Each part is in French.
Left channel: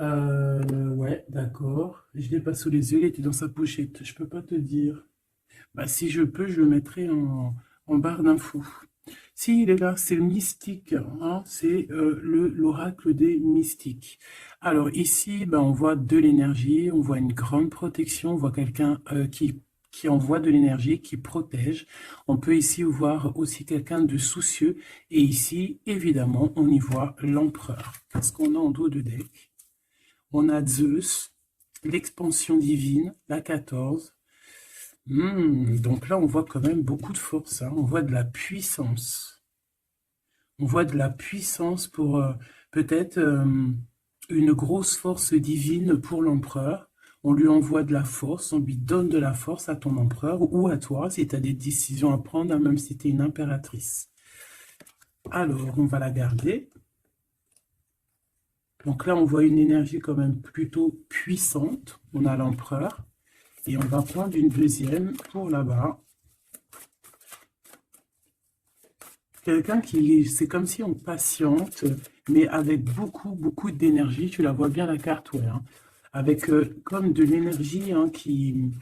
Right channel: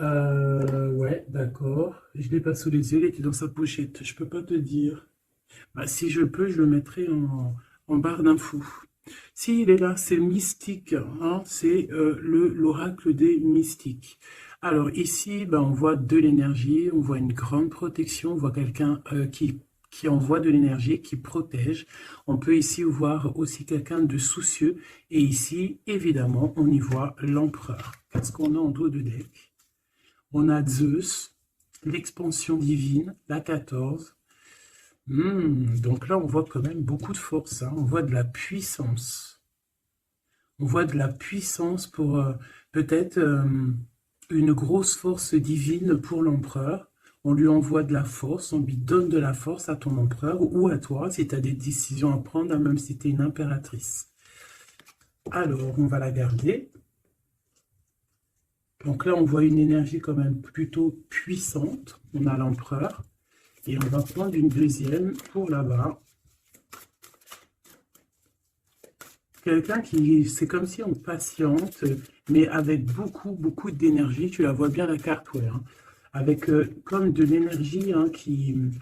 Ouais, d'accord. Je l'ai pas sous les yeux, il était dans sa pochette. Je peux pas te dire. Bah, si je peux, je le mettrai en barre d'infos. Si, il est là, c'est mystique, hein, c'est l'oracle des mystiques. Alors ici, ben, on voit de l'énergie, on voit une grande protection, on voit quelqu'un qui envoie de l'énergie, qui protège. On peut ici voir aussi quelqu'un de soucieux. Et ici, évidemment, on y voit l'empereur. Qu'est-ce qu'on a en dos de deck? On a Zeus, l'expansion divine, la 14. Donc là, on voit quand même beaucoup de force, hein. On voit de la puissance. On voit de la puissance pour peut-être une grosse force divine pour l'empereur. On lui envoie de la force, on lui donne de la force à ton empereur ou à toi si tu as des décisions à prendre, hein, même si tu es une impératrice. Alors, on va la garder. Donc là, on voit une énergie quand même plutôt puissante. On a l'empereur. Et on va prendre une deuxième pour là-bas. Quelqu'un qui, c'est comme si on patiente, mais avec beaucoup, beaucoup d'énergie. Tu la vois bien la carte, ouais, hein. Avec comme de l'énergie, hein, qui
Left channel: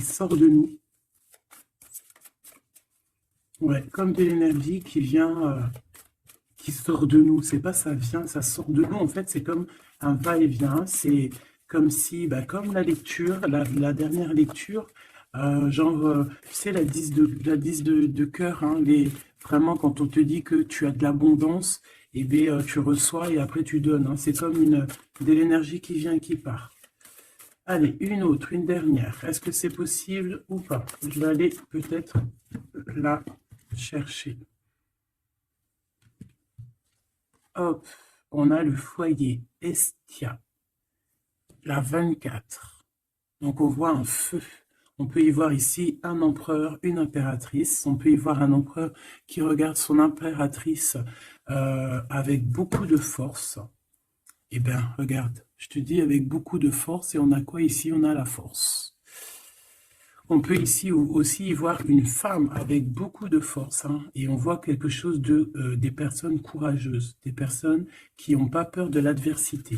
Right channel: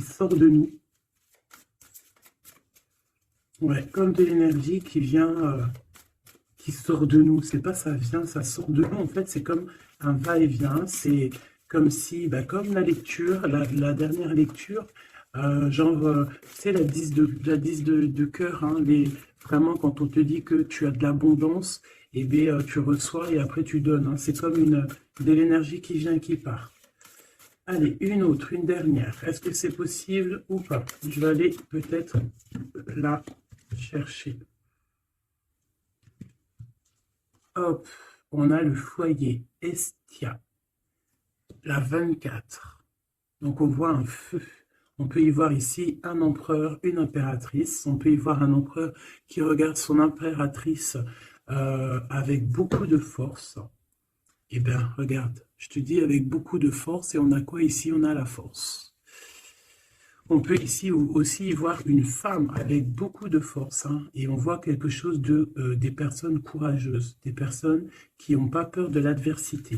sort de nous. Ouais, comme de l'énergie qui vient, qui sort de nous. C'est pas ça vient, ça sort de nous. En fait, c'est comme un va-et-vient. C'est comme si, bah, comme la lecture, la dernière lecture, genre, tu sais, la 10 de cœur, hein, vraiment, quand on te dit que tu as de l'abondance, et bien, tu reçois et après tu donnes, hein. C'est comme de l'énergie qui vient et qui part. Allez, une autre, une dernière. Est-ce que c'est possible ou pas? Je vais aller peut-être la chercher. Hop, on a le foyer Estia, la 24. Donc on voit un feu. On peut y voir ici un empereur, une impératrice. On peut y voir un empereur qui regarde son impératrice avec beaucoup de force. Eh bien, regarde, je te dis avec beaucoup de force. Et on a quoi ici? On a la force. On peut ici aussi y voir une femme avec beaucoup de force, hein, et on voit quelque chose des personnes courageuses, des personnes qui n'ont pas peur de l'adversité.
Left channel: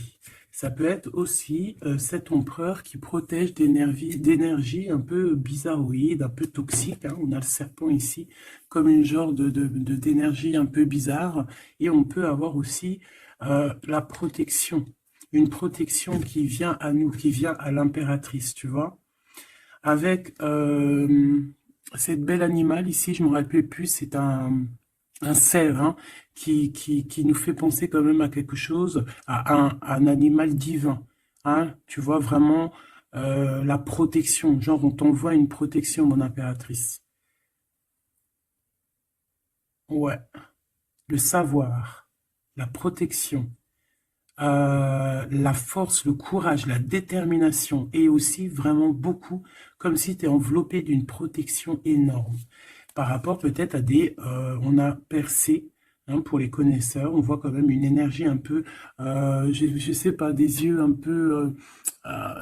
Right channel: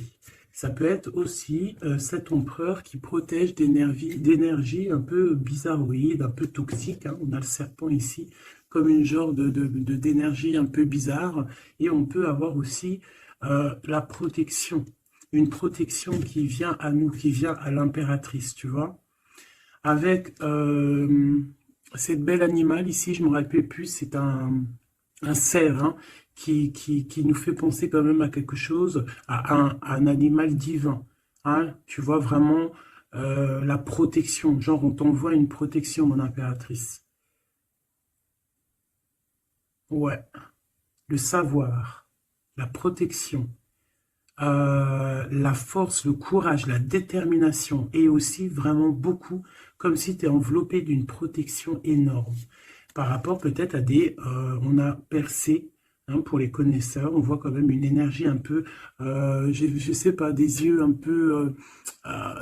Ça peut être aussi cet empereur qui protège d'énergie un peu bizarroïde, un peu toxique, hein. On a le serpent ici comme une genre d'énergie un peu bizarre. Et on peut avoir aussi la protection, une protection qui vient à nous, qui vient à l'impératrice, tu vois, avec cette belle animal ici, je me rappelle plus, c'est un cerf, hein, qui nous fait penser quand même à quelque chose, à un animal divin, hein. Tu vois vraiment la protection, genre on t'envoie une protection, mon impératrice. Ouais, le savoir, la protection, la force, le courage, la détermination et aussi vraiment beaucoup, comme si tu es enveloppé d'une protection énorme. Par rapport peut-être à on a percé, hein, pour les connaisseurs, on voit quand même une énergie un peu, je sais pas, des yeux un peu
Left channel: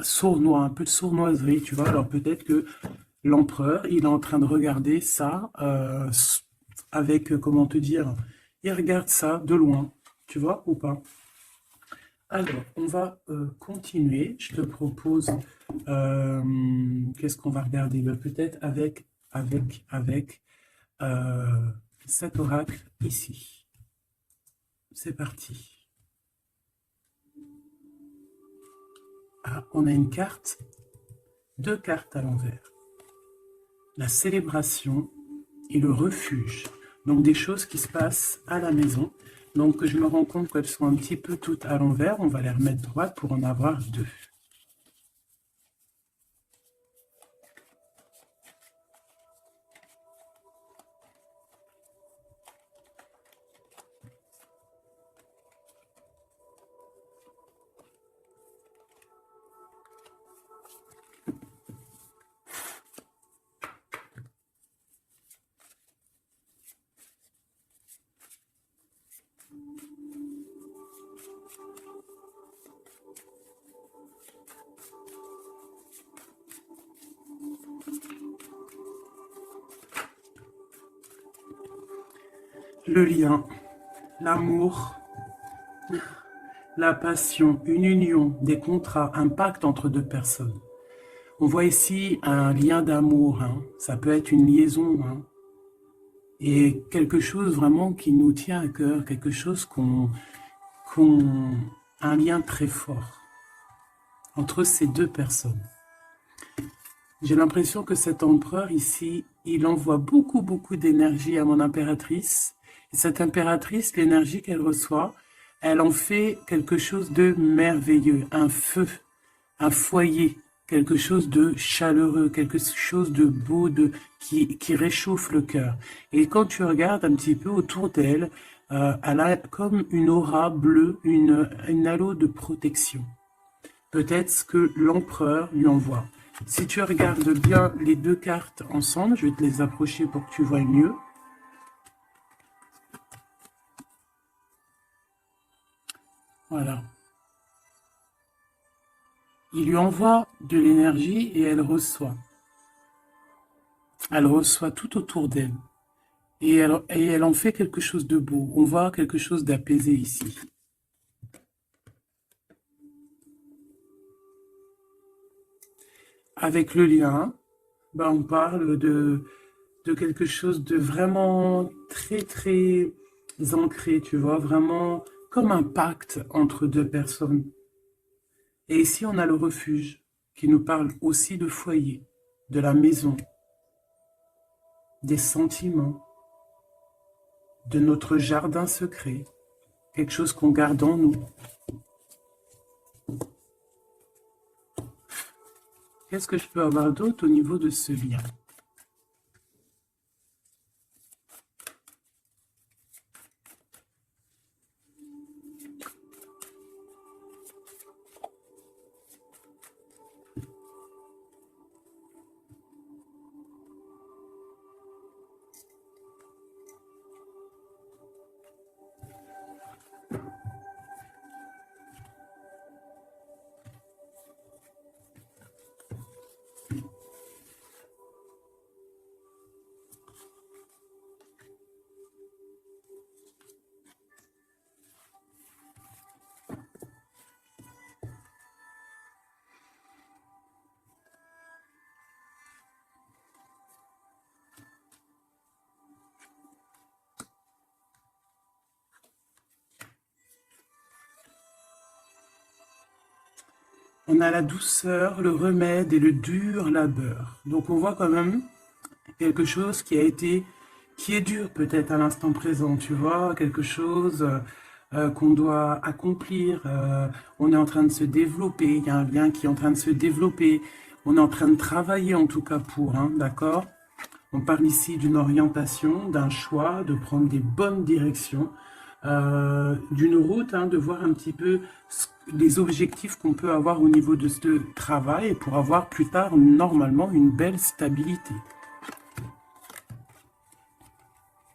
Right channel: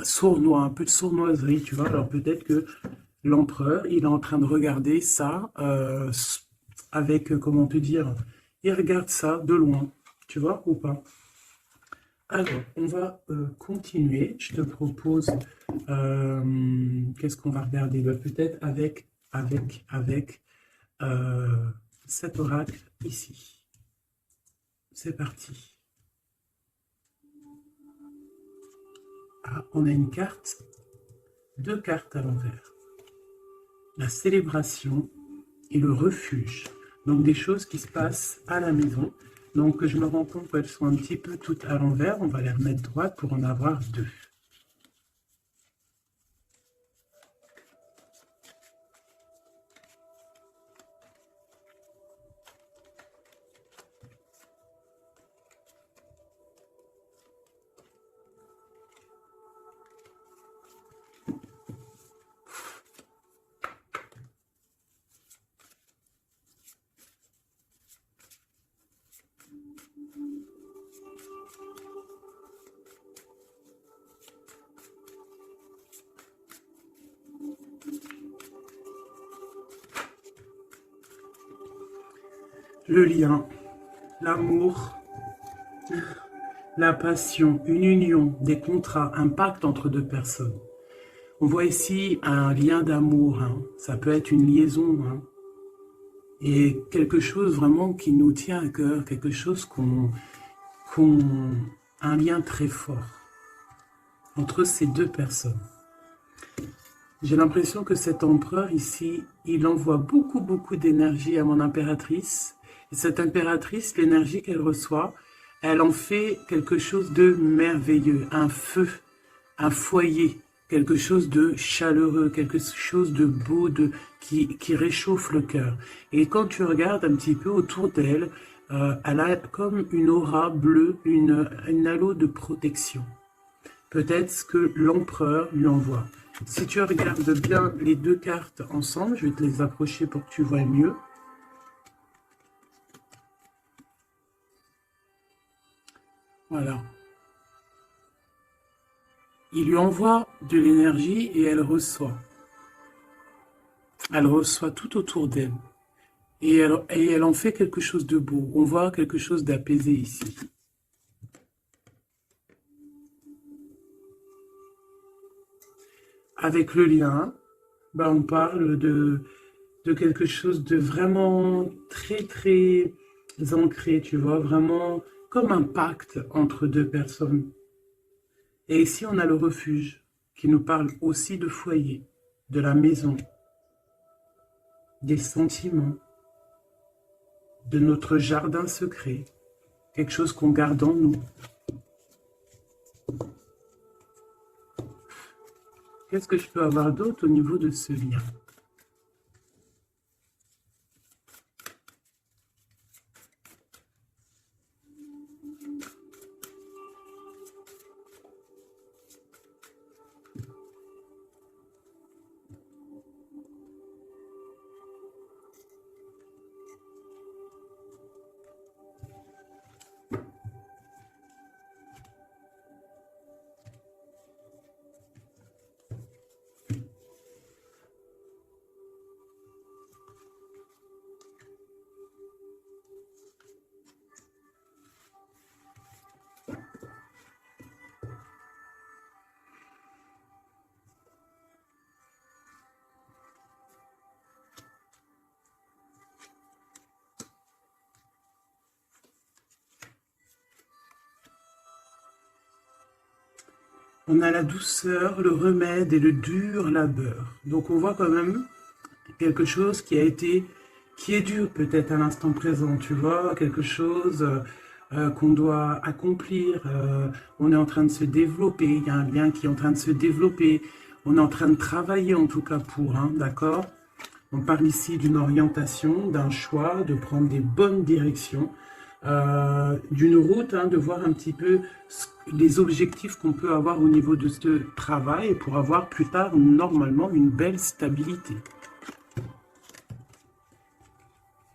sournois, un peu de sournoiserie, tu vois. Alors peut-être que l'empereur, il est en train de regarder ça avec, comment te dire, il regarde ça de loin, tu vois, ou pas? Alors, on va continuer. Je te propose, qu'est-ce qu'on va regarder? Ben, peut-être avec euh, cet oracle ici. C'est parti. Ah, on a une carte, deux cartes à l'envers. La célébration et le refuge. Donc des choses qui se passent à la maison. Donc je me rends compte qu'elles sont un petit peu toutes à l'envers. On va les remettre droites pour en avoir deux. Le lien, l'amour, la passion, une union, des contrats, un pacte entre deux personnes. On voit ici un lien d'amour, hein. Ça peut être une liaison, hein. Et quelque chose vraiment qui nous tient à cœur, quelque chose un lien très fort entre ces deux personnes. J'ai l'impression que cet empereur ici, il envoie beaucoup d'énergie à mon impératrice. Et cette impératrice, l'énergie qu'elle reçoit, elle en fait quelque chose de merveilleux, un feu, un foyer, quelque chose de chaleureux, quelque chose de beau, qui réchauffe le cœur. Et quand tu regardes un petit peu autour d'elle, elle a comme une aura bleue, une halo de protection. Peut-être ce que l'empereur lui envoie. Si tu regardes bien les deux cartes ensemble, je vais te les approcher pour que tu vois mieux. Voilà. Il lui envoie de l'énergie et elle reçoit. Elle reçoit tout autour d'elle. Et elle en fait quelque chose de beau. On voit quelque chose d'apaisé ici. Avec le lien, on parle de quelque chose de vraiment très ancré, tu vois, vraiment comme un pacte entre deux personnes. Et ici, on a le refuge qui nous parle aussi de foyer, de la maison, des sentiments, de notre jardin secret, quelque chose qu'on garde en nous. Qu'est-ce que je peux avoir d'autre au niveau de ce lien? On a la douceur, le remède et le dur labeur. Donc on voit quand même quelque chose qui est dur peut-être à l'instant présent, tu vois, quelque chose qu'on doit accomplir. On est en train de se développer, il y a un lien qui est en train de se développer. On est en train de travailler en tout cas pour, hein, d'accord? On parle ici d'une orientation, d'un choix, de prendre des bonnes directions, d'une route, hein, de voir un petit peu les objectifs qu'on peut avoir au niveau de ce travail pour avoir plus tard, normalement, une belle stabilité.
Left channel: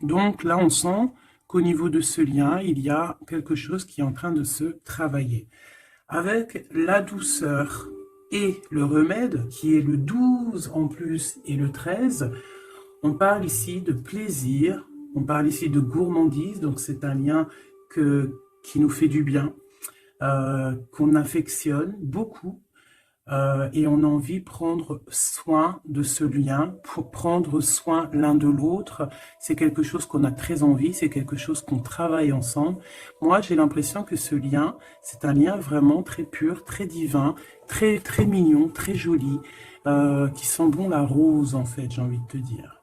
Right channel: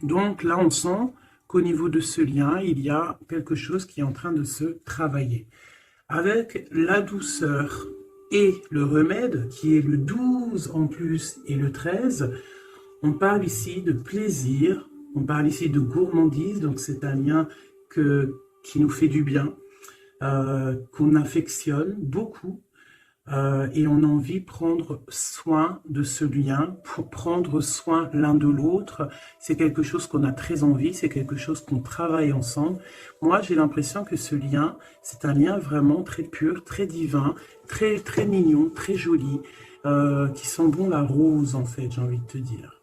Donc là, on sent qu'au niveau de ce lien, il y a quelque chose qui est en train de se travailler. Avec la douceur et le remède, qui est le 12 en plus et le 13, on parle ici de plaisir, on parle ici de gourmandise, donc c'est un lien qui nous fait du bien, qu'on affectionne beaucoup, et on a envie de prendre soin de ce lien, pour prendre soin l'un de l'autre. C'est quelque chose qu'on a très envie, c'est quelque chose qu'on travaille ensemble. Moi, j'ai l'impression que ce lien, c'est un lien vraiment très pur, très divin, très mignon, très joli, qui sent bon la rose, en fait, j'ai envie de te dire.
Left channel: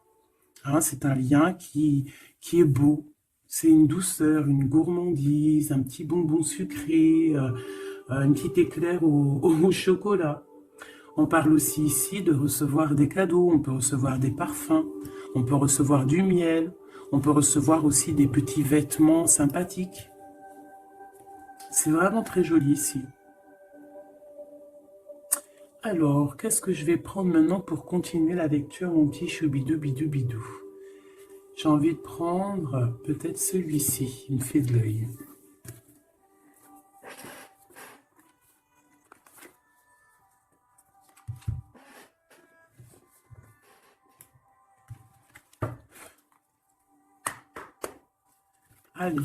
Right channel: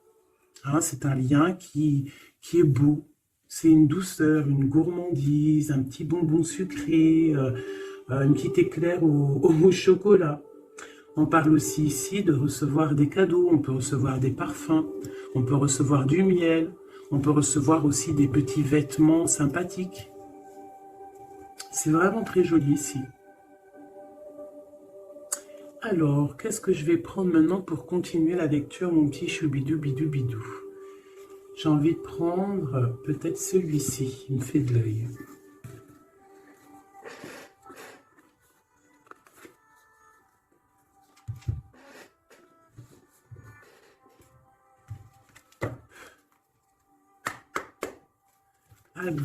Hein, c'est un lien qui est beau. C'est une douceur, une gourmandise, un petit bonbon sucré, une petite éclair au chocolat. On parle aussi ici de recevoir des cadeaux, on peut recevoir des parfums, on peut recevoir du miel, on peut recevoir aussi des petits vêtements sympathiques. C'est vraiment très joli ici. Alors, qu'est-ce que je vais prendre maintenant pour continuer la lecture, mon petit choubidou bidou bidou? J'ai envie de prendre peut-être celui-ci, il me fait de l'œil. Allez.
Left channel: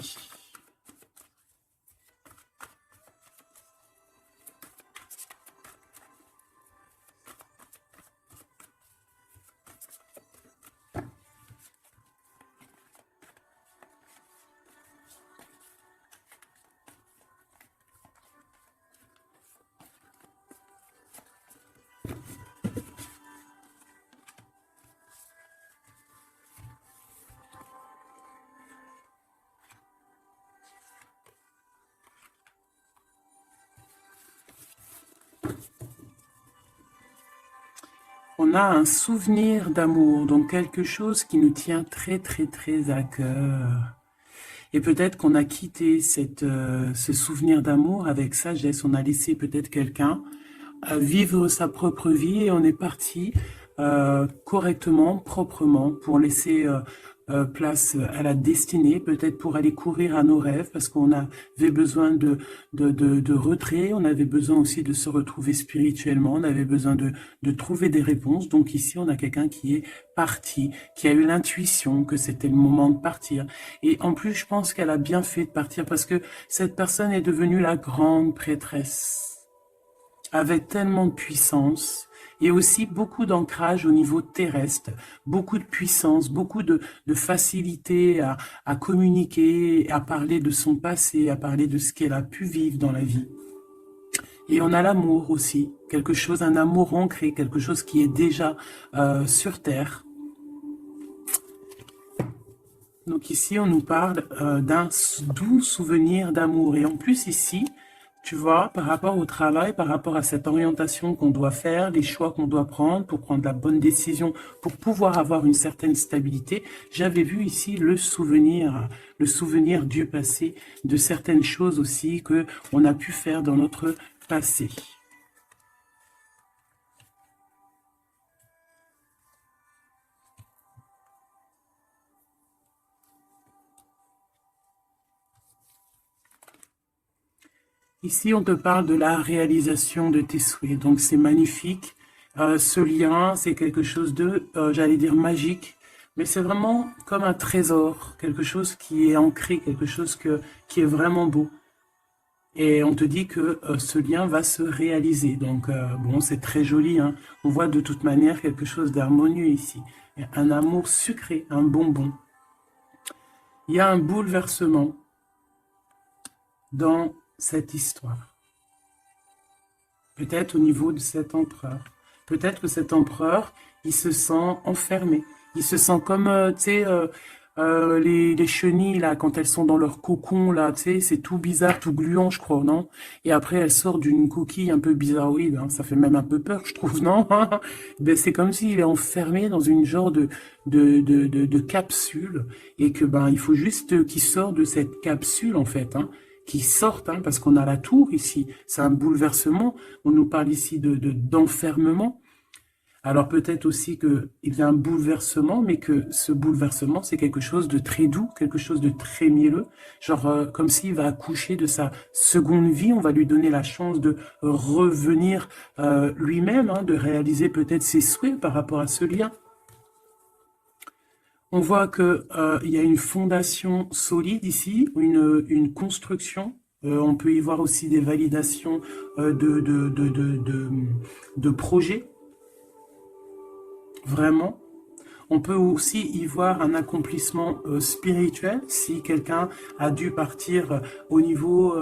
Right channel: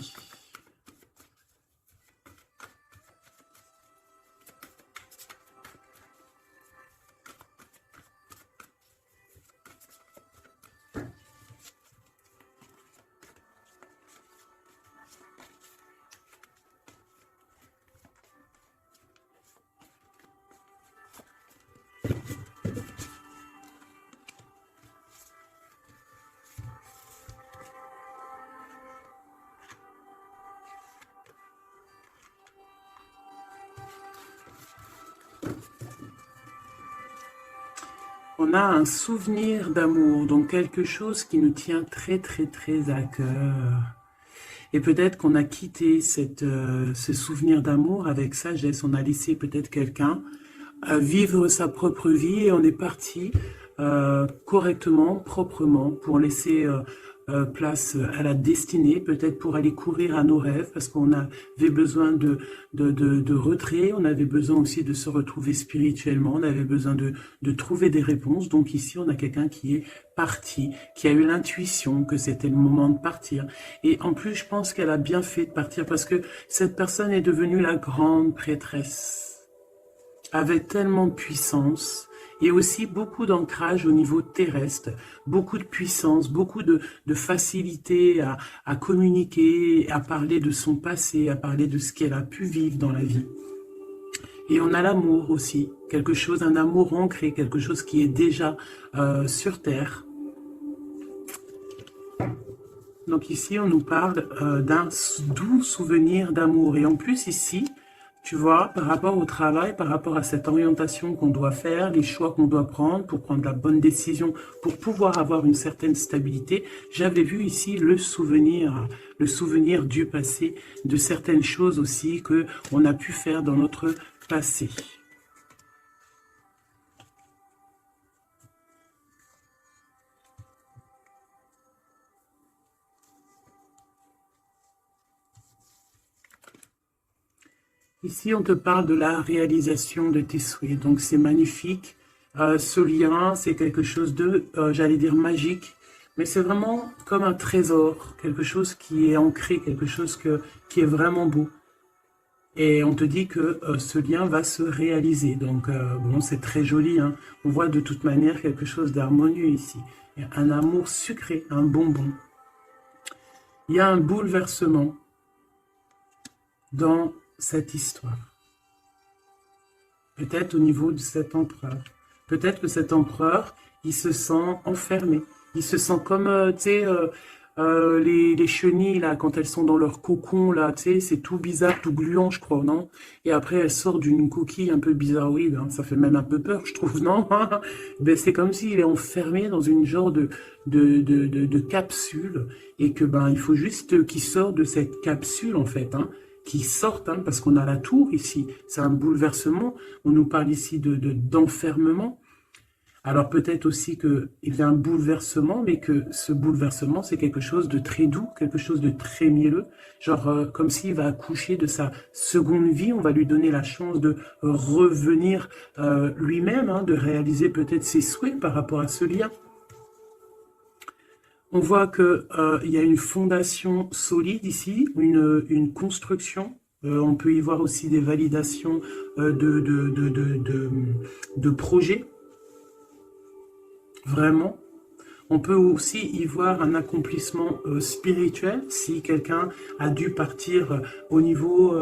on a un souvenir d'amour, donc quelque chose qui nous tient très très très à cœur. Et peut-être qu'on a quitté ce souvenir d'amour avec sagesse, on a laissé peut-être quelqu'un vivre sa propre vie et on est parti correctement, proprement, pour laisser place à la destinée, peut-être pour aller courir à nos rêves, parce qu'on avait besoin de retrait, on avait besoin aussi de se retrouver spirituellement, on avait besoin de trouver des réponses. Donc ici, on a quelqu'un qui est parti, qui a eu l'intuition que c'était le moment de partir. Et en plus, je pense qu'elle a bien fait de partir, parce que cette personne est devenue la grande prêtresse, avec tellement de puissance, et aussi beaucoup d'ancrage au niveau terrestre, beaucoup de puissance, beaucoup de facilité à communiquer, à parler de son passé, à parler de ce qu'elle a pu vivre dans la vie. Et on a l'amour aussi, quelque chose, un amour ancré, quelque chose qui est déjà sur Terre. Donc ici, on nous parle d'un doux souvenir d'amour. Et en plus ici, tu vois, par rapport au travail, par rapport à cette orientation qu'on doit faire, les choix qu'on doit prendre pour prendre la bonne décision, pour pouvoir avoir une certaine stabilité, j'avais vu ici le souvenir du passé, de certaines choses aussi que on a pu faire dans notre passé. Ici, on te parle de la réalisation de tes souhaits. Donc, c'est magnifique. Ce lien, c'est quelque chose de, j'allais dire, magique. Mais c'est vraiment comme un trésor, quelque chose qui est ancré, quelque chose qui est vraiment beau. Et on te dit que ce lien va se réaliser. Donc, bon, c'est très joli, hein. On voit de toute manière quelque chose d'harmonieux ici. Un amour sucré, un bonbon. Il y a un bouleversement dans cette histoire. Peut-être au niveau de cet empereur. Peut-être que cet empereur, il se sent enfermé. Il se sent comme, tu sais, les chenilles, là, quand elles sont dans leur cocon, là, tu sais, c'est tout bizarre, tout gluant, je crois, non? Et après, elle sort d'une coquille un peu bizarroïde, hein. Ça fait même un peu peur, je trouve, non? Ben, c'est comme s'il est enfermé dans une genre de capsule, et que, ben, il faut juste qu'il sorte de cette capsule, en fait, hein, qui sortent, hein, parce qu'on a la tour ici, c'est un bouleversement, on nous parle ici d'enfermement. Alors peut-être aussi qu'il y a un bouleversement, mais que ce bouleversement, c'est quelque chose de très doux, quelque chose de très mielleux, genre comme s'il va accoucher de sa seconde vie, on va lui donner la chance de revenir lui-même, hein, de réaliser peut-être ses souhaits par rapport à ce lien. On voit qu'il y a une fondation solide ici, une construction. On peut y voir aussi des validations de projets, vraiment. On peut aussi y voir un accomplissement spirituel, si quelqu'un a dû partir au niveau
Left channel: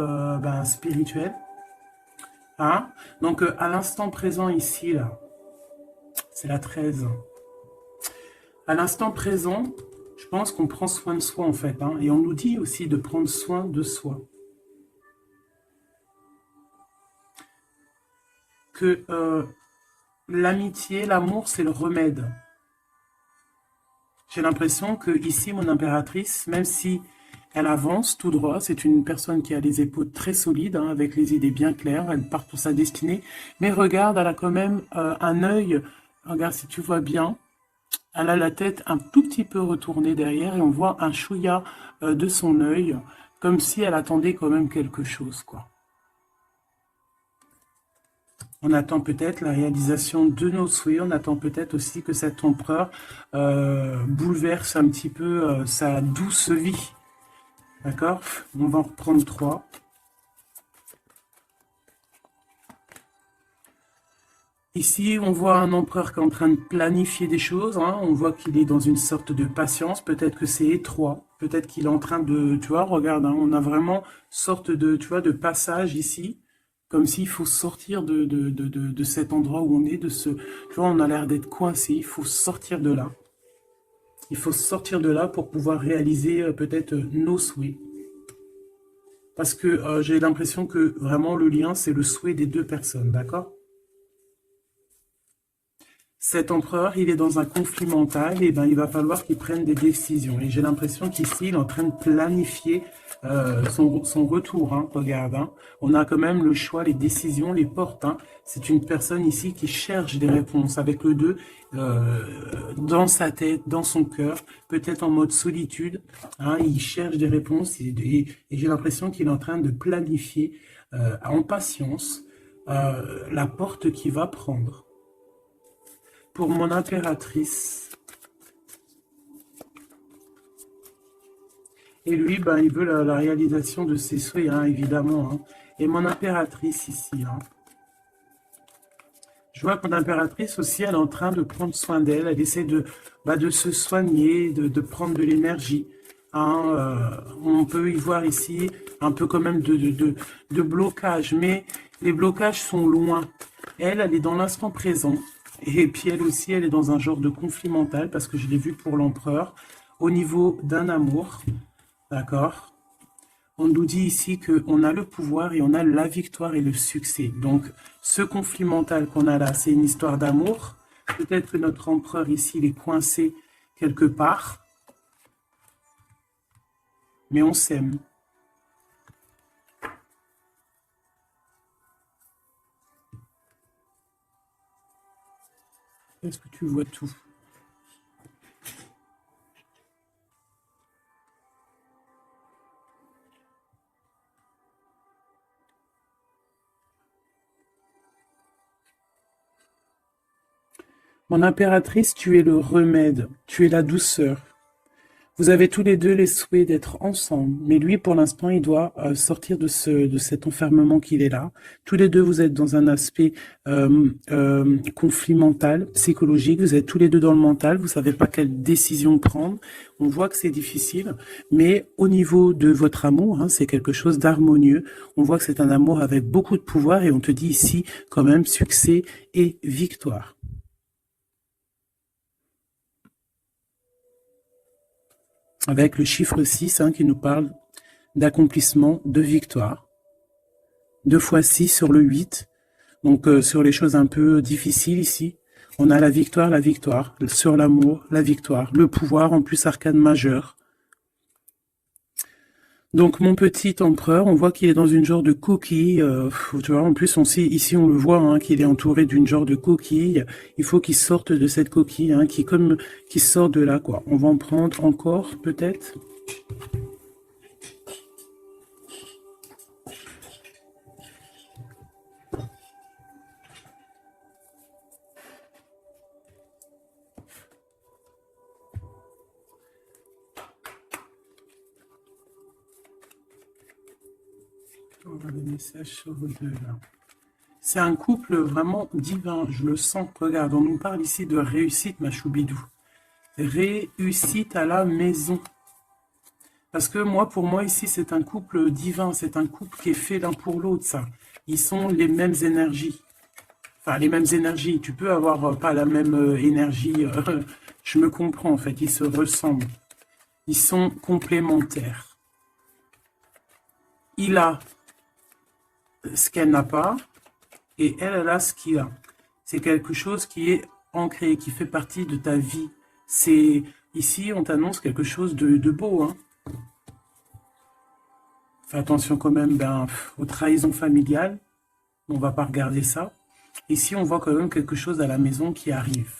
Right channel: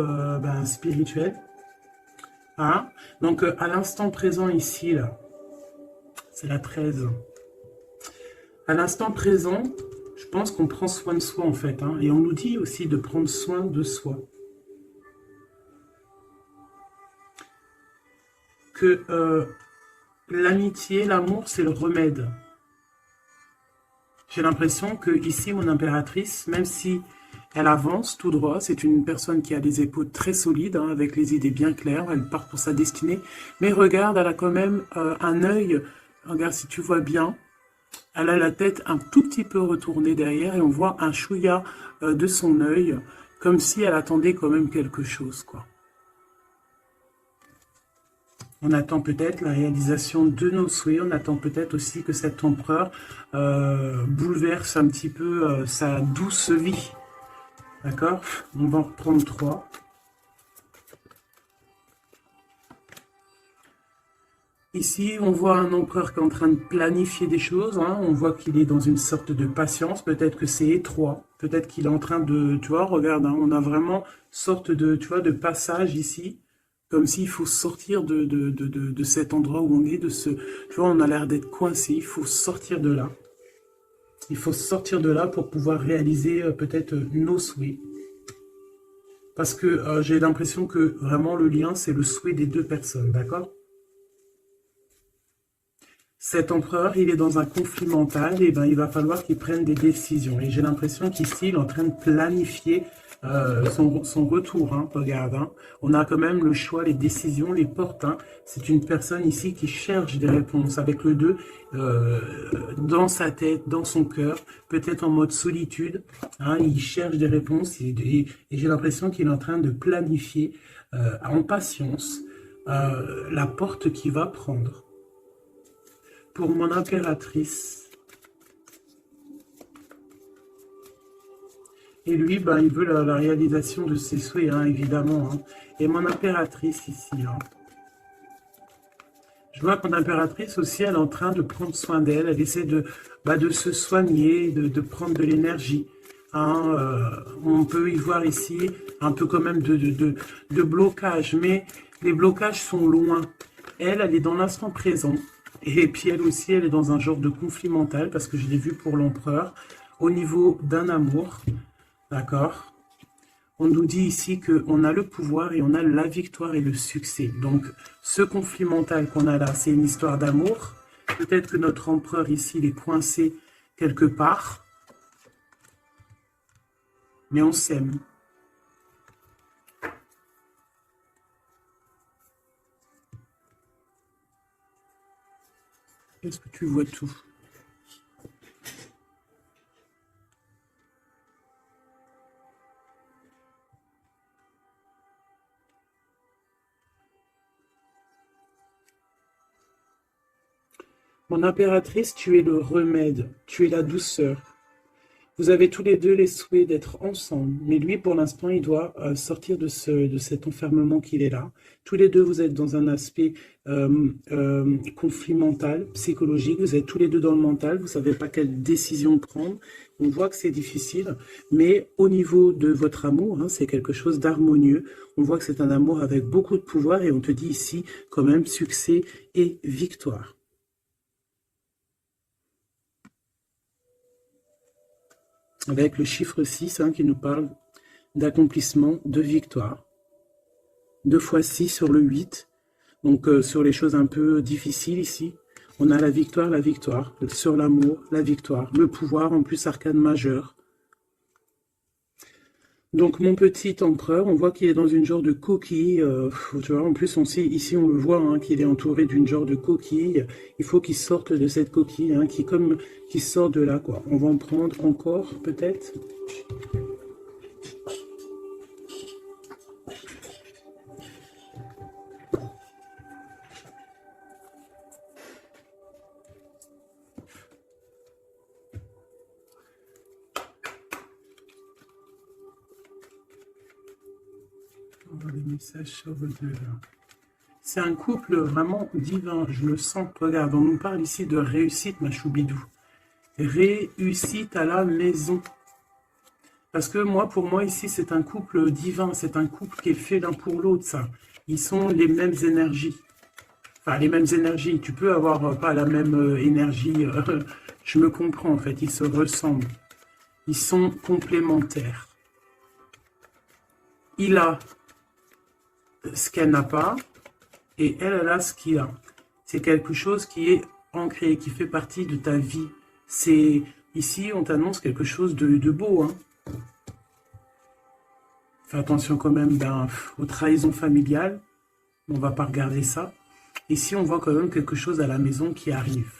spirituel. Hein? Donc à l'instant présent ici, c'est la 13. À l'instant présent, je pense qu'on prend soin de soi en fait, hein, et on nous dit aussi de prendre soin de soi. Que l'amitié, l'amour, c'est le remède. J'ai l'impression que ici, mon impératrice, même si elle avance tout droit, c'est une personne qui a les épaules très solides, hein, avec les idées bien claires, elle part pour sa destinée, mais regarde, elle a quand même un œil, regarde si tu vois bien, elle a la tête un tout petit peu retournée derrière et on voit un chouïa de son œil, comme si elle attendait quand même quelque chose, quoi. On attend peut-être la réalisation de nos souhaits, on attend peut-être aussi que cet empereur bouleverse un petit peu sa douce vie. D'accord? On va en reprendre 3. Ici, on voit un empereur qui est en train de planifier des choses, hein. On voit qu'il est dans une sorte de patience. Peut-être que c'est étroit. Peut-être qu'il est en train de... Tu vois, regarde, hein, on a vraiment sorte de, tu vois, de passage ici. Comme s'il faut sortir de cet endroit où on est, de ce... Tu vois, on a l'air d'être coincé. Il faut sortir de là. Il faut sortir de là pour pouvoir réaliser peut-être nos souhaits. Parce que j'ai l'impression que vraiment le lien, c'est le souhait des deux personnes, d'accord? Cet empereur, il est dans un conflit mental, et ben, il va falloir qu'il prenne des décisions. Et j'ai l'impression qu'ici, il est en train de planifier son retour. Hein, regarde, hein. On a quand même le choix, les décisions, les portes. Hein. C'est une personne ici qui cherche des réponses avec le 2 dans sa tête, dans son cœur, peut-être en mode solitude. Hein, il cherche des réponses et j'ai l'impression qu'il est en train de planifier en patience la porte qu'il va prendre. Pour mon impératrice. Et lui, ben, il veut la réalisation de ses souhaits, hein, évidemment. Hein. Et mon impératrice ici. Hein. Je vois que mon impératrice aussi, elle est en train de prendre soin d'elle. Elle essaie de se soigner, de prendre de l'énergie. Hein. On peut y voir ici un peu quand même de blocage. Mais les blocages sont loin. Elle est dans l'instant présent. Et puis elle aussi, elle est dans un genre de conflit mental, parce que je l'ai vu pour l'empereur, au niveau d'un amour, d'accord? On nous dit ici qu'on a le pouvoir et on a la victoire et le succès. Donc, ce conflit mental qu'on a là, c'est une histoire d'amour. Peut-être que notre empereur ici, il est coincé quelque part, mais on s'aime. Est-ce que tu vois tout? Mon impératrice, tu es le remède, tu es la douceur. Vous avez tous les deux les souhaits d'être ensemble, mais lui, pour l'instant, il doit sortir de cet enfermement qu'il est là. Tous les deux, vous êtes dans un aspect conflit mental, psychologique. Vous êtes tous les deux dans le mental. Vous ne savez pas quelle décision prendre. On voit que c'est difficile, mais au niveau de votre amour, hein, c'est quelque chose d'harmonieux. On voit que c'est un amour avec beaucoup de pouvoir et on te dit ici quand même succès et victoire. Avec le chiffre 6 hein, qui nous parle d'accomplissement, de victoire. 2 fois 6 sur le 8. Donc sur les choses un peu difficiles ici, on a la victoire. Sur l'amour, la victoire. Le pouvoir, en plus arcane majeur. Donc mon petit empereur, on voit qu'il est dans une genre de coquille. Tu vois, en plus on sait, ici on le voit, hein, qu'il est entouré d'une genre de coquille. Il faut qu'il sorte de cette coquille, hein, qui sort de là, quoi. On va en prendre encore, peut-être. On va le message sur le 2, là. C'est un couple vraiment divin, je le sens. Regarde, on nous parle ici de réussite, ma choubidou. Réussite à la maison. Parce que moi, pour moi, ici, c'est un couple divin. C'est un couple qui est fait l'un pour l'autre, ça. Ils sont les mêmes énergies. Enfin, les mêmes énergies. Tu peux avoir pas la même énergie. Je me comprends, en fait. Ils se ressemblent. Ils sont complémentaires. Il a ce qu'elle n'a pas. Et elle a ce qu'il a. C'est quelque chose qui est ancré, qui fait partie de ta vie. C'est ici, on t'annonce quelque chose de beau. Hein. Fais attention quand même aux trahisons familiales. On ne va pas regarder ça. Ici, on voit quand même quelque chose à la maison qui arrive.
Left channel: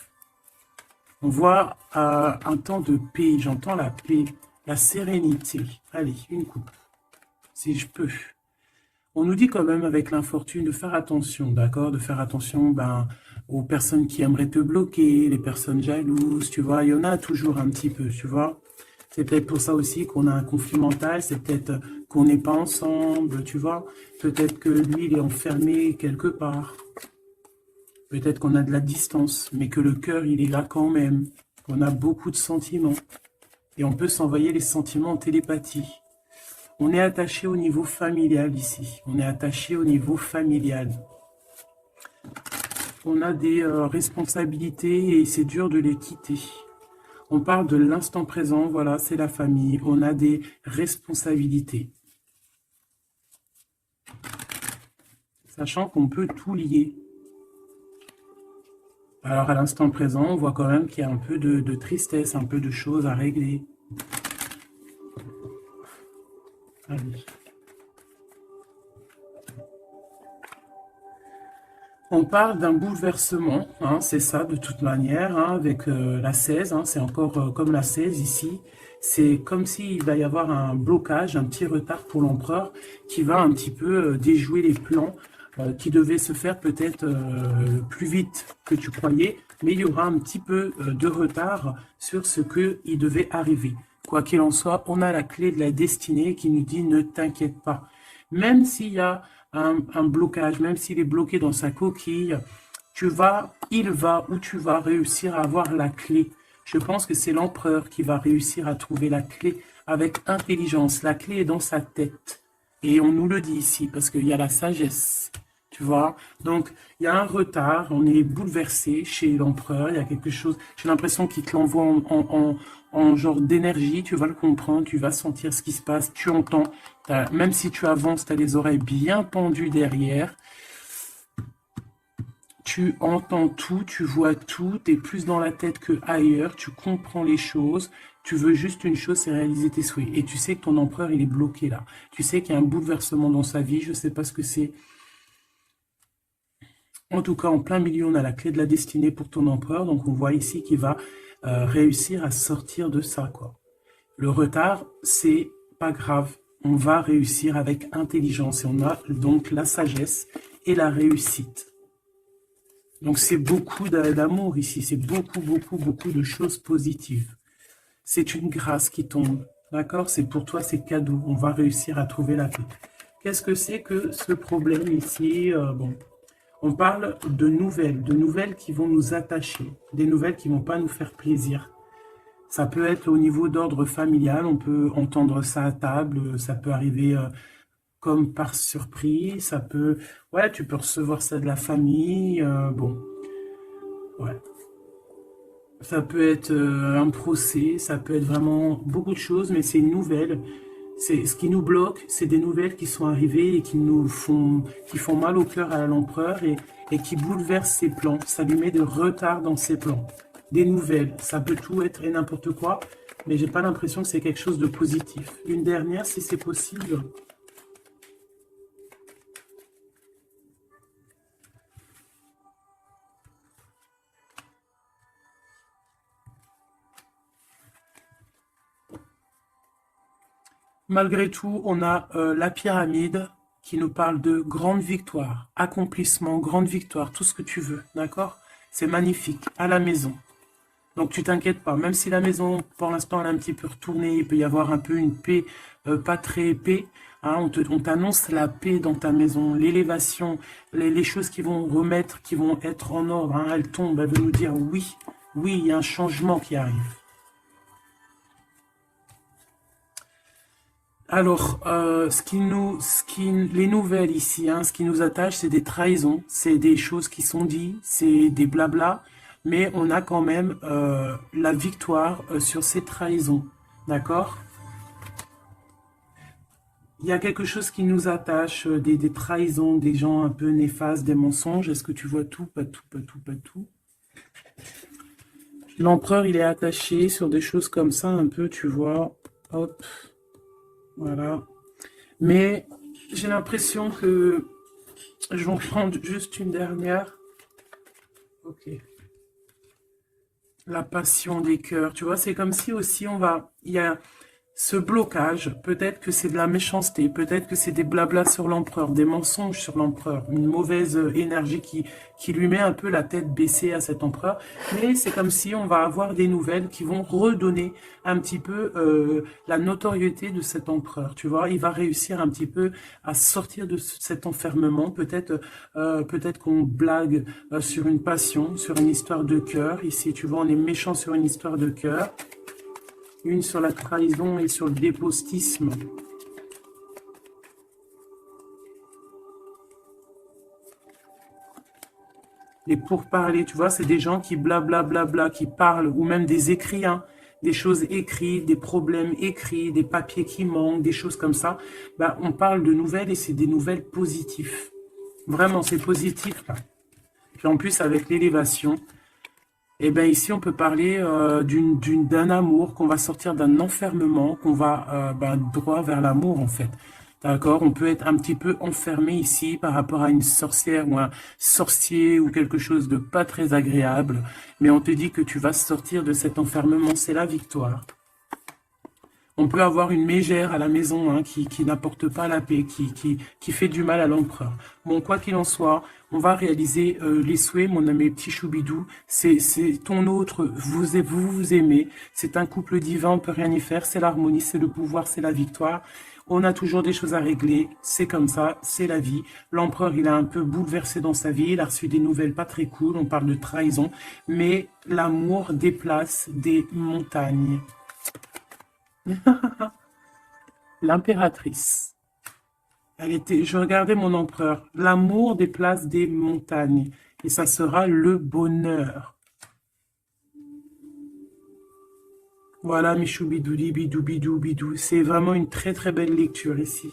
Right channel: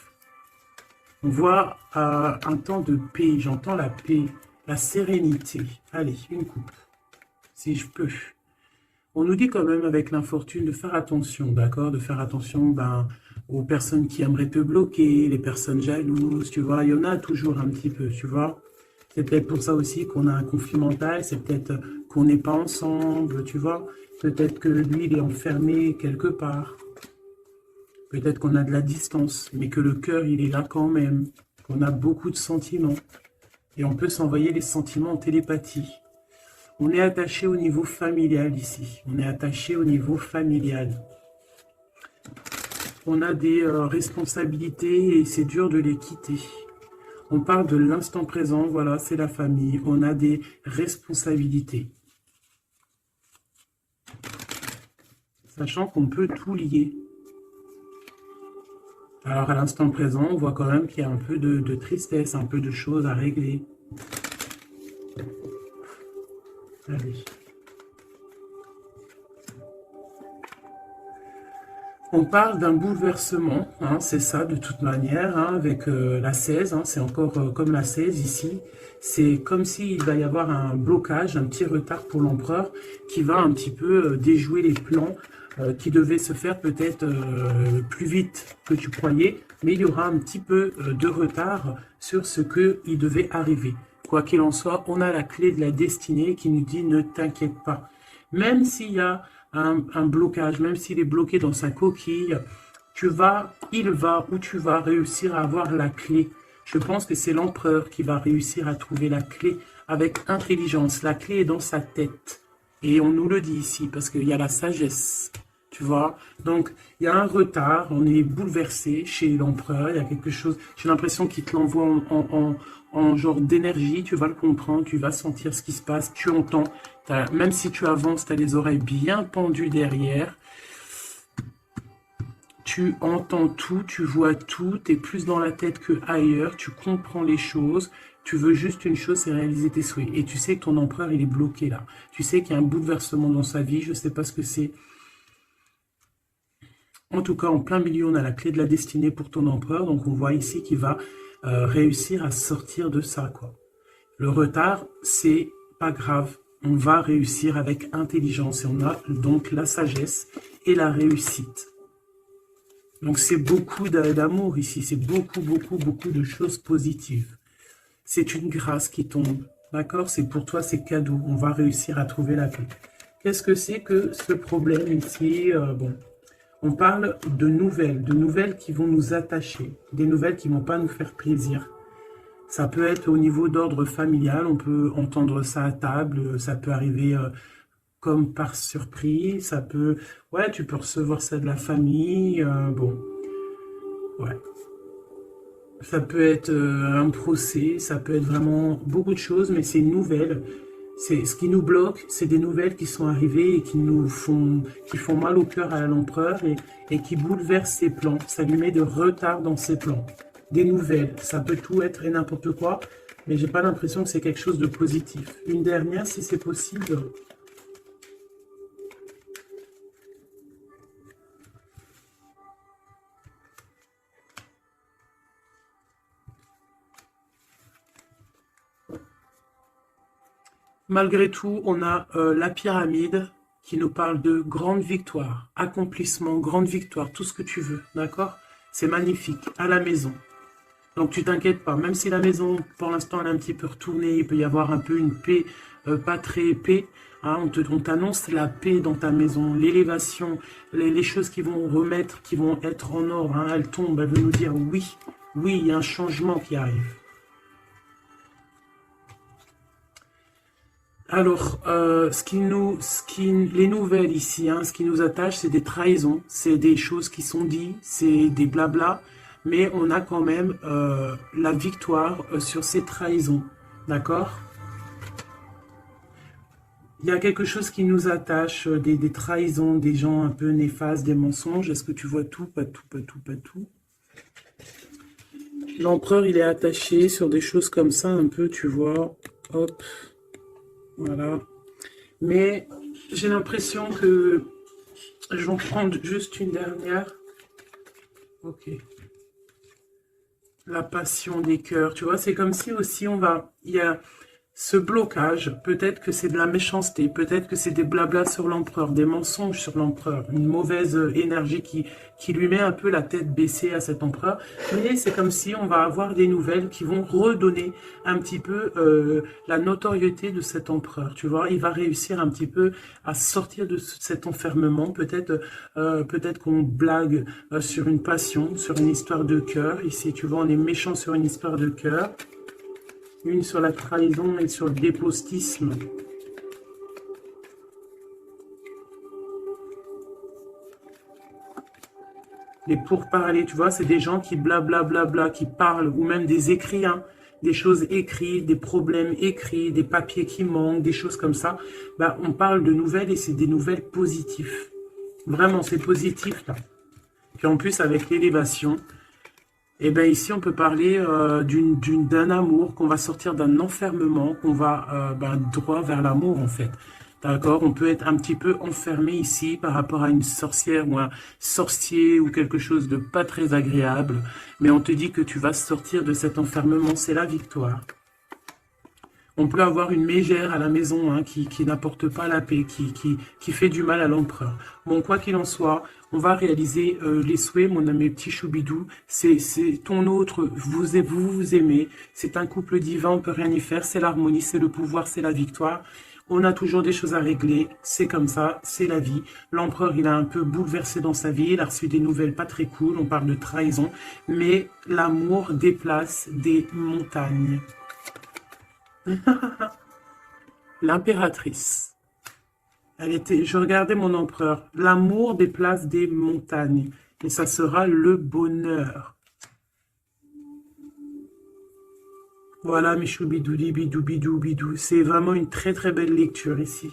On voit un temps de paix. J'entends la paix, la sérénité. Allez, une coupe, si je peux. On nous dit quand même avec l'infortune de faire attention, d'accord? De faire attention aux personnes qui aimeraient te bloquer, les personnes jalouses, tu vois? Il y en a toujours un petit peu, tu vois? C'est peut-être pour ça aussi qu'on a un conflit mental, c'est peut-être qu'on n'est pas ensemble, tu vois? Peut-être que lui, il est enfermé quelque part. Peut-être qu'on a de la distance, mais que le cœur, il est là quand même. On a beaucoup de sentiments. Et on peut s'envoyer les sentiments en télépathie. On est attaché au niveau familial ici. On est attaché au niveau familial. On a des responsabilités et c'est dur de les quitter. On parle de l'instant présent, voilà, c'est la famille. On a des responsabilités. Sachant qu'on peut tout lier. Alors, à l'instant présent, on voit quand même qu'il y a un peu de tristesse, un peu de choses à régler. Allez. On parle d'un bouleversement, hein, c'est ça de toute manière, hein, avec la 16, hein, c'est encore comme la 16 ici. C'est comme s'il va y avoir un blocage, un petit retard pour l'empereur qui va un petit peu déjouer les plans qui devaient se faire peut-être plus vite que tu croyais, mais il y aura un petit peu de retard sur ce qu'il devait arriver. Quoi qu'il en soit, on a la clé de la destinée qui nous dit ne t'inquiète pas. Même s'il y a un blocage, même s'il est bloqué dans sa coquille, il va ou tu vas réussir à avoir la clé. Je pense que c'est l'empereur qui va réussir à trouver la clé avec intelligence. La clé est dans sa tête. Et on nous le dit ici parce qu'il y a la sagesse. Tu vois, donc il y a un retard, on est bouleversé chez l'empereur, il y a quelque chose, j'ai l'impression qu'il te l'envoie en genre d'énergie, tu vas le comprendre, tu vas sentir ce qui se passe, tu entends, même si tu avances, tu as les oreilles bien pendues derrière, tu entends tout, tu vois tout, tu es plus dans la tête que ailleurs, tu comprends les choses, tu veux juste une chose, c'est réaliser tes souhaits. Et tu sais que ton empereur, il est bloqué là. Tu sais qu'il y a un bouleversement dans sa vie, je ne sais pas ce que c'est. En tout cas, en plein milieu, on a la clé de la destinée pour ton empereur. Donc, on voit ici qu'il va réussir à sortir de ça, quoi. Le retard, c'est pas grave. On va réussir avec intelligence. Et on a donc la sagesse et la réussite. Donc, c'est beaucoup d'amour ici. C'est beaucoup, beaucoup, beaucoup de choses positives. C'est une grâce qui tombe. D'accord? C'est pour toi, c'est cadeau. On va réussir à trouver la clé. Qu'est-ce que c'est que ce problème ici? Bon. On parle de nouvelles qui vont nous attacher, des nouvelles qui ne vont pas nous faire plaisir. Ça peut être au niveau d'ordre familial, on peut entendre ça à table, ça peut arriver comme par surprise, ça peut... Ouais, tu peux recevoir ça de la famille, bon, ouais. Ça peut être un procès, ça peut être vraiment beaucoup de choses, mais c'est une nouvelle. C'est ce qui nous bloque, c'est des nouvelles qui sont arrivées et qui font mal au cœur à l'empereur et qui bouleversent ses plans. Ça lui met de retard dans ses plans. Des nouvelles, ça peut tout être et n'importe quoi, mais j'ai pas l'impression que c'est quelque chose de positif. Une dernière, si c'est possible. Malgré tout, on a la pyramide qui nous parle de grande victoire, accomplissement, grande victoire, tout ce que tu veux, d'accord? C'est magnifique, à la maison. Donc tu t'inquiètes pas, même si la maison, pour l'instant, elle est un petit peu retournée, il peut y avoir un peu une paix, pas très paix, hein, on t'annonce la paix dans ta maison, l'élévation, les choses qui vont remettre, qui vont être en ordre, hein, elles tombent, elles veulent nous dire oui, oui, il y a un changement qui arrive. Alors, les nouvelles ici, hein, ce qui nous attache, c'est des trahisons, c'est des choses qui sont dites, c'est des blabla, mais on a quand même la victoire sur ces trahisons, d'accord? Il y a quelque chose qui nous attache, des trahisons, des gens un peu néfastes, des mensonges. Est-ce que tu vois tout? Pas tout, pas tout, pas tout. L'empereur, il est attaché sur des choses comme ça, un peu, tu vois. Hop, voilà. Mais j'ai l'impression que je vais en prendre juste une dernière. Ok. La passion des cœurs, tu vois, c'est comme si aussi il y a ce blocage, peut-être que c'est de la méchanceté, peut-être que c'est des blablas sur l'empereur, des mensonges sur l'empereur, une mauvaise énergie qui lui met un peu la tête baissée à cet empereur, mais c'est comme si on va avoir des nouvelles qui vont redonner un petit peu la notoriété de cet empereur, tu vois, il va réussir un petit peu à sortir de cet enfermement, peut-être qu'on blague sur une passion, sur une histoire de cœur, ici tu vois, on est méchant sur une histoire de cœur, une sur la trahison et sur le dépostisme. Les pourparlers, tu vois, c'est des gens qui blablabla, qui parlent, ou même des écrits, hein, des choses écrites, des problèmes écrits, des papiers qui manquent, des choses comme ça. Bah, on parle de nouvelles et c'est des nouvelles positives. Vraiment, c'est positif là. Puis en plus, avec l'élévation, Et bien ici, on peut parler d'un amour, qu'on va sortir d'un enfermement, qu'on va droit vers l'amour en fait. D'accord? On peut être un petit peu enfermé ici par rapport à une sorcière ou un sorcier ou quelque chose de pas très agréable. Mais on te dit que tu vas sortir de cet enfermement, c'est la victoire. On peut avoir une mégère à la maison qui n'apporte pas la paix, qui fait du mal à l'empereur. Bon, quoi qu'il en soit, on va réaliser les souhaits, mon ami petit Choubidou. C'est ton autre, vous aimez. C'est un couple divin, on ne peut rien y faire. C'est l'harmonie, c'est le pouvoir, c'est la victoire. On a toujours des choses à régler. C'est comme ça, c'est la vie. L'empereur, il a un peu bouleversé dans sa vie. Il a reçu des nouvelles pas très cool. On parle de trahison. Mais l'amour déplace des montagnes. L'impératrice. Je regardais mon empereur. L'amour déplace des montagnes. Et ça sera le bonheur. Voilà, mes choubidouli, bidou, bidou, bidou. C'est vraiment une très très belle lecture ici.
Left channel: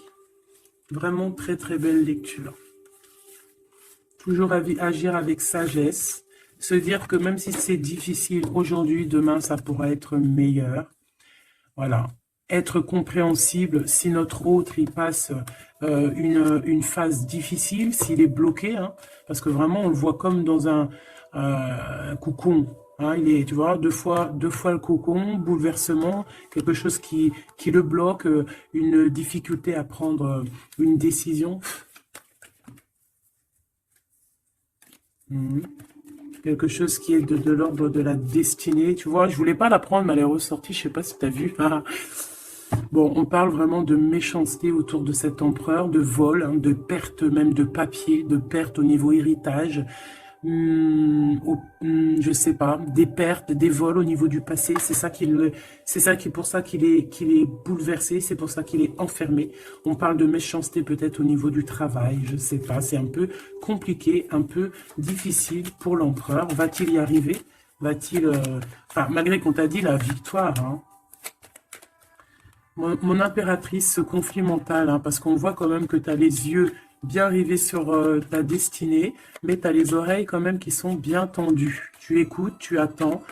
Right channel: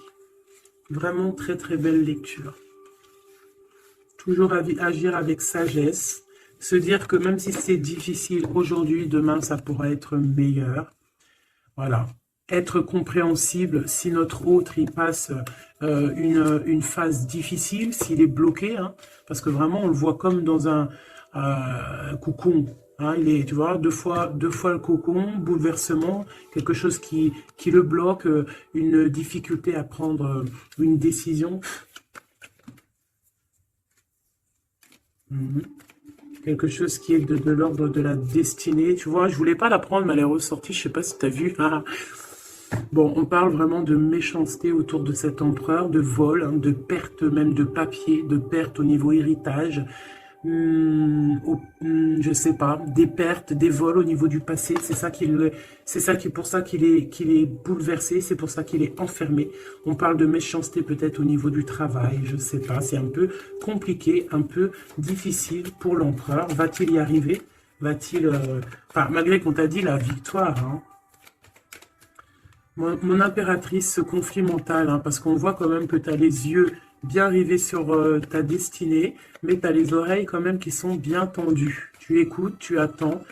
Vraiment très très belle lecture. Toujours agir avec sagesse. Se dire que même si c'est difficile aujourd'hui, demain ça pourra être meilleur. Voilà. Être compréhensible si notre autre il passe une phase difficile, s'il est bloqué, hein, parce que vraiment on le voit comme dans un cocon. Hein, il est, tu vois, deux fois le cocon, bouleversement, quelque chose qui le bloque, une difficulté à prendre une décision. Quelque chose qui est de l'ordre de la destinée. Tu vois, je voulais pas la prendre, mais elle est ressortie, je sais pas si tu as vu. Ah. Bon, on parle vraiment de méchanceté autour de cet empereur, de vol, hein, de perte même de papier, de perte au niveau héritage, je sais pas, des pertes, des vols au niveau du passé. Pour ça qu'il est bouleversé, c'est pour ça qu'il est enfermé. On parle de méchanceté peut-être au niveau du travail, je sais pas, c'est un peu compliqué, un peu difficile pour l'empereur. Va-t-il y arriver? Va-t-il, enfin, malgré qu'on t'a dit la victoire, hein. Mon impératrice, ce conflit mental, hein, parce qu'on voit quand même que tu as les yeux bien rivés sur ta destinée, mais tu as les oreilles quand même qui sont bien tendues. Tu écoutes, tu attends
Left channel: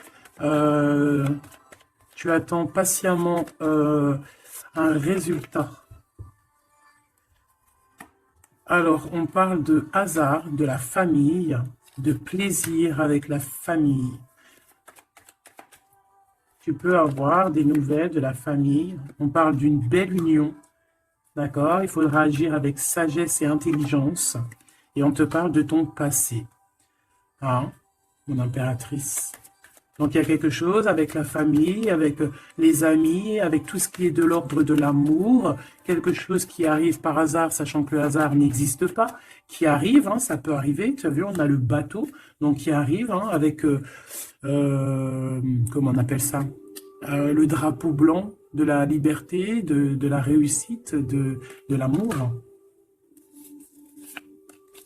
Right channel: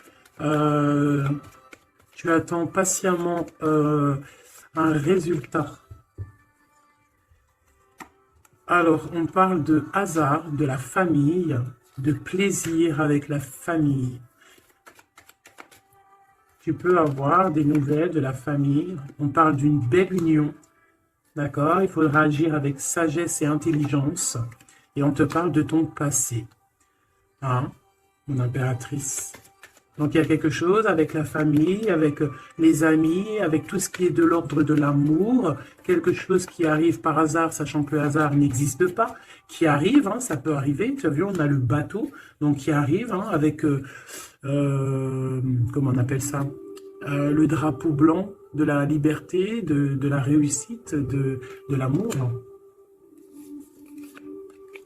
patiemment un résultat. Alors, on parle de hasard, de la famille, de plaisir avec la famille. Tu peux avoir des nouvelles de la famille. On parle d'une belle union. D'accord? Il faudra agir avec sagesse et intelligence. Et on te parle de ton passé. Hein, mon impératrice. Donc il y a quelque chose avec la famille, avec les amis, avec tout ce qui est de l'ordre de l'amour. Quelque chose qui arrive par hasard, sachant que le hasard n'existe pas. Qui arrive, hein, ça peut arriver. Tu as vu, on a le bateau. Donc qui arrive hein, avec... comment on appelle ça, le drapeau blanc de la liberté, de la réussite, de l'amour.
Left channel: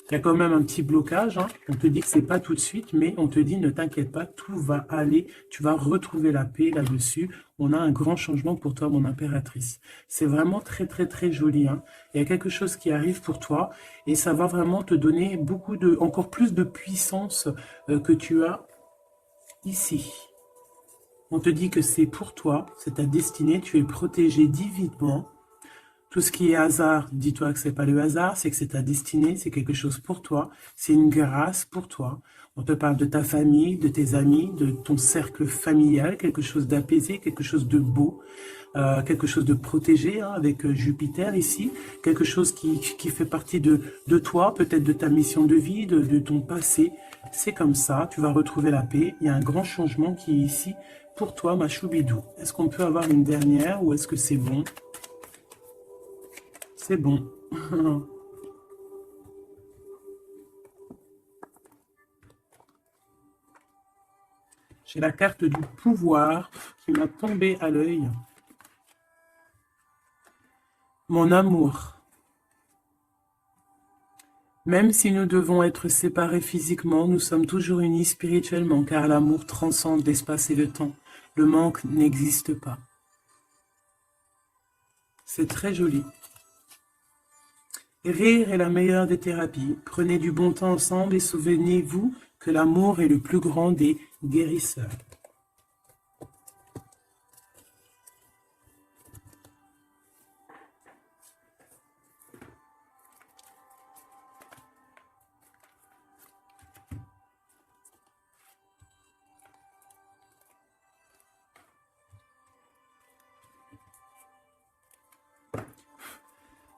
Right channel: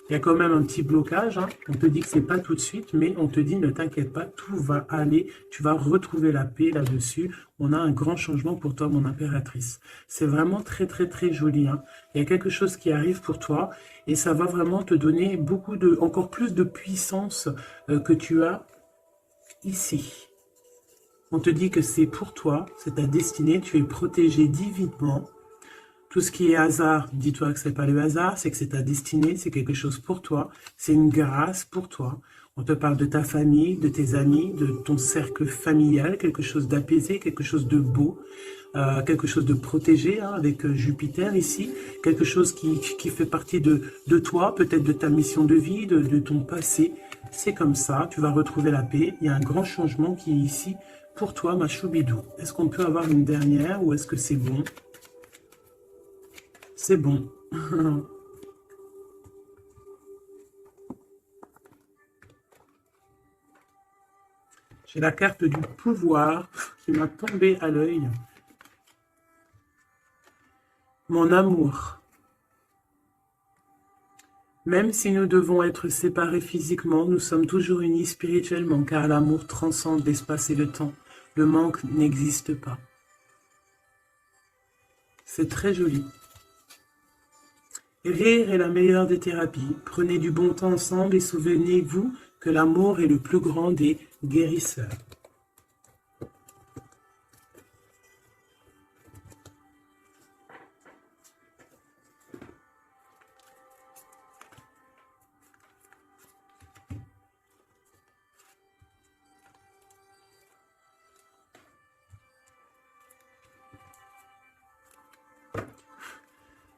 Il y a quand même un petit blocage, hein. On te dit que c'est pas tout de suite, mais on te dit ne t'inquiète pas, tout va aller, tu vas retrouver la paix là-dessus. On a un grand changement pour toi, mon impératrice. C'est vraiment très très très joli, hein. Il y a quelque chose qui arrive pour toi et ça va vraiment te donner encore plus de puissance que tu as ici. On te dit que c'est pour toi, c'est ta destinée, tu es protégé divinement. Tout ce qui est hasard, dis-toi que c'est pas le hasard, c'est que c'est ta destinée, c'est quelque chose pour toi, c'est une grâce pour toi. On te parle de ta famille, de tes amis, de ton cercle familial, quelque chose d'apaisé, quelque chose de beau, quelque chose de protégé hein, avec Jupiter ici, quelque chose qui fait partie de toi, peut-être de ta mission de vie, de ton passé. C'est comme ça, tu vas retrouver la paix. Il y a un grand changement qui est ici pour toi, ma choubidou. Est-ce qu'on peut avoir une dernière ou est-ce que c'est bon? C'est bon. J'ai la carte du pouvoir qui m'a tombé à l'œil. Mon amour. Même si nous devons être séparés physiquement, nous sommes toujours unis spirituellement, car l'amour transcende l'espace et le temps. Le manque n'existe pas. C'est très joli. Rire est la meilleure des thérapies. Prenez du bon temps ensemble et souvenez-vous que l'amour est le plus grand des guérisseurs.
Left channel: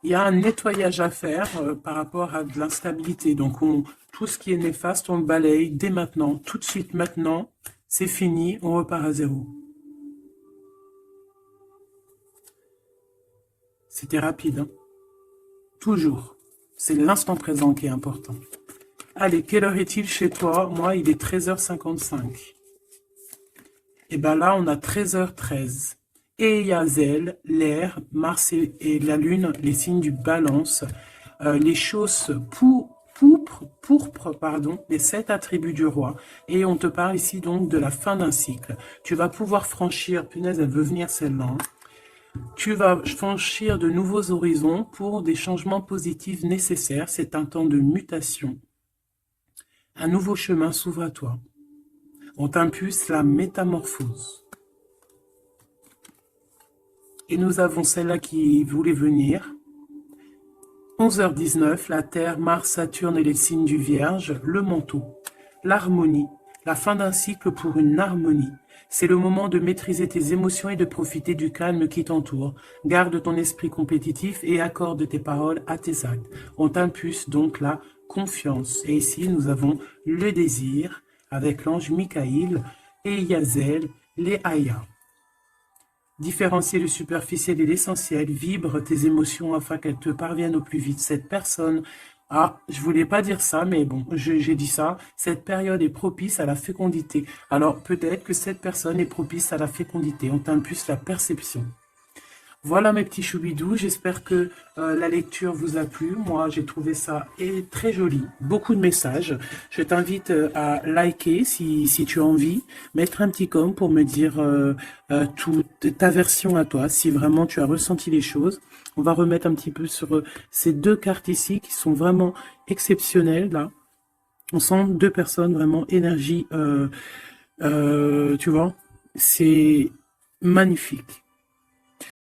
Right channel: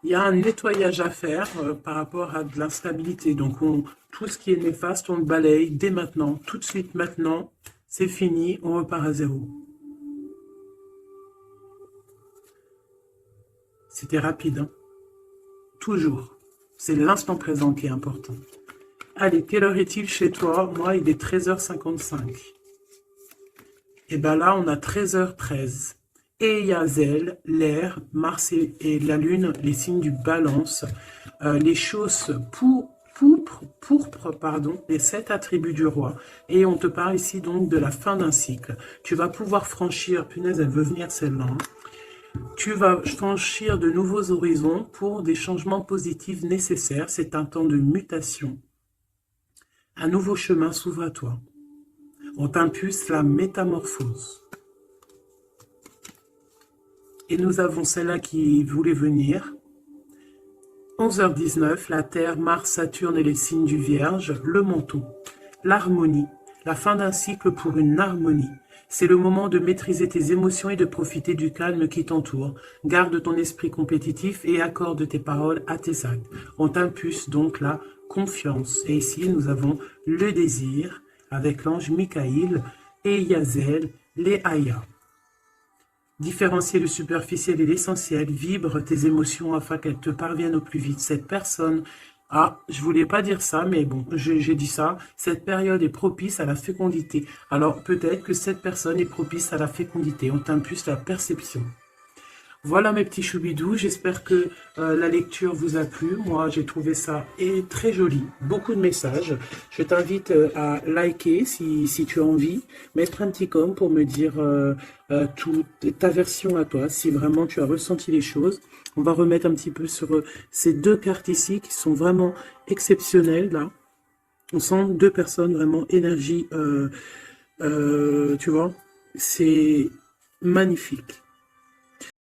Il y a un nettoyage à faire par rapport à de l'instabilité. Donc, tout ce qui est néfaste, on le balaye dès maintenant, tout de suite maintenant. C'est fini, on repart à zéro. C'était rapide, hein? Toujours. C'est l'instant présent qui est important. Allez, quelle heure est-il chez toi? Moi, il est 13h55. Et bien là, on a 13h13. Et Yazel, l'air, Mars et la Lune, les signes du balance, les choses pourpres, pardon, les 7 attributs du roi. Et on te parle ici donc de la fin d'un cycle. Tu vas pouvoir franchir, punaise, elle veut venir celle-là, hein. Tu vas franchir de nouveaux horizons pour des changements positifs nécessaires. C'est un temps de mutation. Un nouveau chemin s'ouvre à toi. On t'impulse la métamorphose. Et nous avons celle-là qui voulait venir. 11h19, la Terre, Mars, Saturne et les signes du Vierge, le manteau, l'harmonie, la fin d'un cycle pour une harmonie. C'est le moment de maîtriser tes émotions et de profiter du calme qui t'entoure. Garde ton esprit compétitif et accorde tes paroles à tes actes. On t'impulse donc la confiance. Et ici, nous avons le désir avec l'ange Michaïl et Yazel, les Aya. Différencier le superficiel et l'essentiel, vibre tes émotions afin qu'elles te parviennent au plus vite. Cette personne, je voulais pas dire ça, mais bon, j'ai dit ça. Cette période est propice à la fécondité. Alors peut-être que cette personne est propice à la fécondité. On t'impulse la perception. Voilà mes petits choubidous, j'espère que la lecture vous a plu. Moi, j'ai trouvé ça très joli, beaucoup de messages. Je t'invite à liker si tu as envie, mettre un petit com pour me dire ta version à toi, si vraiment tu as ressenti les choses. On va remettre un petit peu sur ces deux cartes ici qui sont vraiment exceptionnelles, là. On sent deux personnes vraiment énergie, tu vois, c'est magnifique.